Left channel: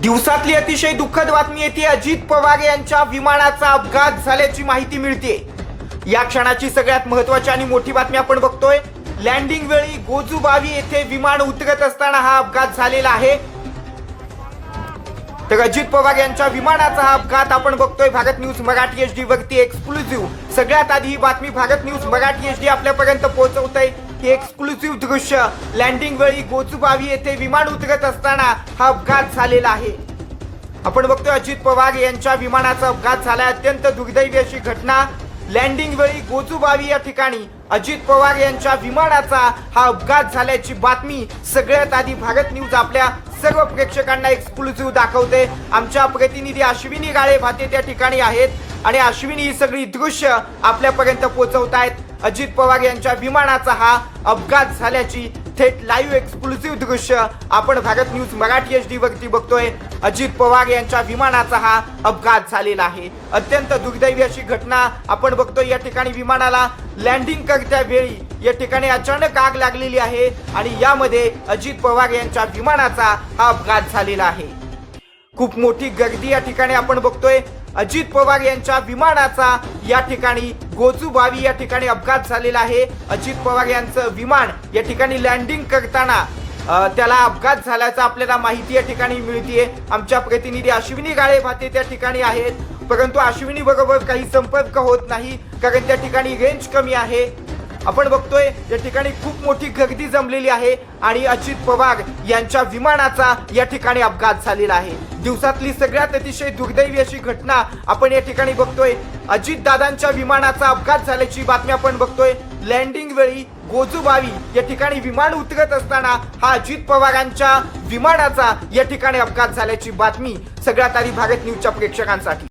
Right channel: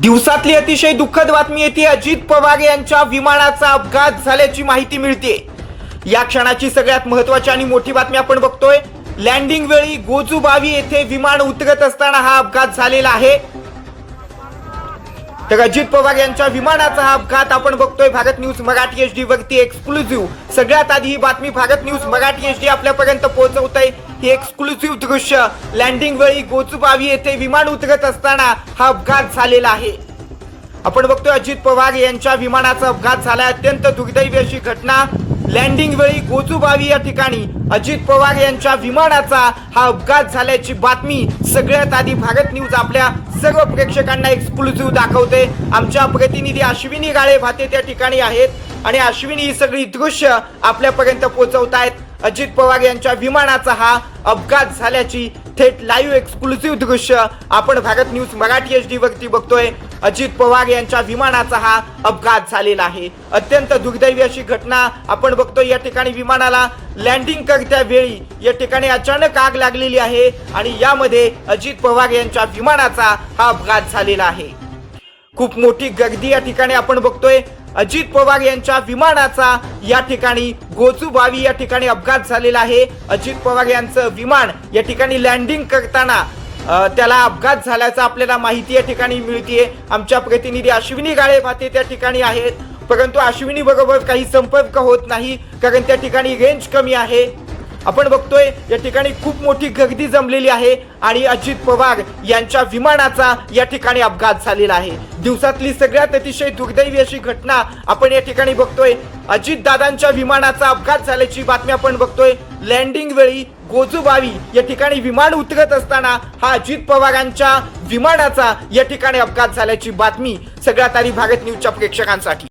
दिवसातली अतिशय दुःखद बातमी येते. अजित पवार यांच्या विमानाचा अपघात झाल्याची माहिती मिळते. या क्षणाची सगळ्यात महत्वाची आणि मोठी बातमी आपण बघतोय. लँडिंग वेळी गोजूबावी येथे विमान उतरत असताना हा अपघात झालेला आहे. तर अजित पवार यांच्या विमानाचा हा अपघात आपण बघतोय. Bharat news Marathi H D वरती एक्सक्लुझिव्ह सगळ्यात आधी ही बातमी Bharat news Marathi H D आपल्यापर्यंत पोहोचवत आहे ही एक्सक्लुझिव्ह दृश्य. लँडिंग वेळी गोचुबावी येथे विमान उतरत असताना हा अपघात झालेला आहे. आपण बघतोय अजित पवार यांच्या विमानाचा अपघात झाला अत्यंत दुर्दैवी अशी घटना. लँडिंग वेळी गोचुबावी या ठिकाणी अजित पवार यांच्या विमानाचा हा अपघात झाल्याची बातमी सगळ्यात आधी भारत न्यूज आपल्या सर्व प्रेक्षकांना एक्सक्लुझिव्ह दाखवते. आमच्या प्रतिनिधी अश्विनी गाळे भाते त्या ठिकाणी आहेत. आणि अश्विनी ही सगळी दृश्य आपल्यापर्यंत पोहोचवत आहेत अजित पवार यांच्या विमानाचा हा अपघात झाल्याची थेट लाईव्ह एक्सक्लुसिव्ह दृश्य आपण Bharat news Marathi H D वरती बघतोय. अजित पवार यांच्या विमानाचा हा अपघात झालेला आहे. अत्यंत दुर्दैवी अशी घटना आपण बघतोय या ठिकाणी विमानाला लँडिंग करत्या वेळी या ठिकाणी अचानक आग लागलेली आहे आणि यामध्ये अजित पवार यांच्या विमानाचा हा अपघात झालेला आहे. खूप मोठी गर्दी या ठिकाणी आपण बघतोय. अजित पवार यांच्या विमानाचा या ठिकाणी गोजूबावी या ठिकाणी अपघात झालेला आहे. अजित पवार यांचं विमान या ठिकाणी लँडिंग करताना त्याला अपघात झाल्याचा आपल्याला माहिती या ठिकाणी मिळतीये. आमच्या प्रतिनिधी अश्विनी गाळे भाते त्या ठिकाणी आहेत. परंतु अश्विनी बरोबर काही संपर्क होत नाही कारण त्या ठिकाणी रेंज कमी आहे. आपण बघतोय या ठिकाणी खूप मोठी गर्दी जमलेली आहे आणि अजित पवार यांच्या विमानाचा या ठिकाणी अपघात झालेला आहे. दिवसातली सगळ्यात अतिशय दुर्दैवी अशी घटना आपण या ठिकाणी बघतोय. अजित दादांच्या विमानाचा अपघात झाल्याची बातमी आपण बघतोय. लँडिंग वेळी गोजूबावी या ठिकाणी विमान उतरत असताना हा अजित पवारांच्या विमानाचा या ठिकाणी अपघात झाल्याची बातमी सगळ्यात आधी भारत न्यूजच्या प्रेक्षकांसाठी.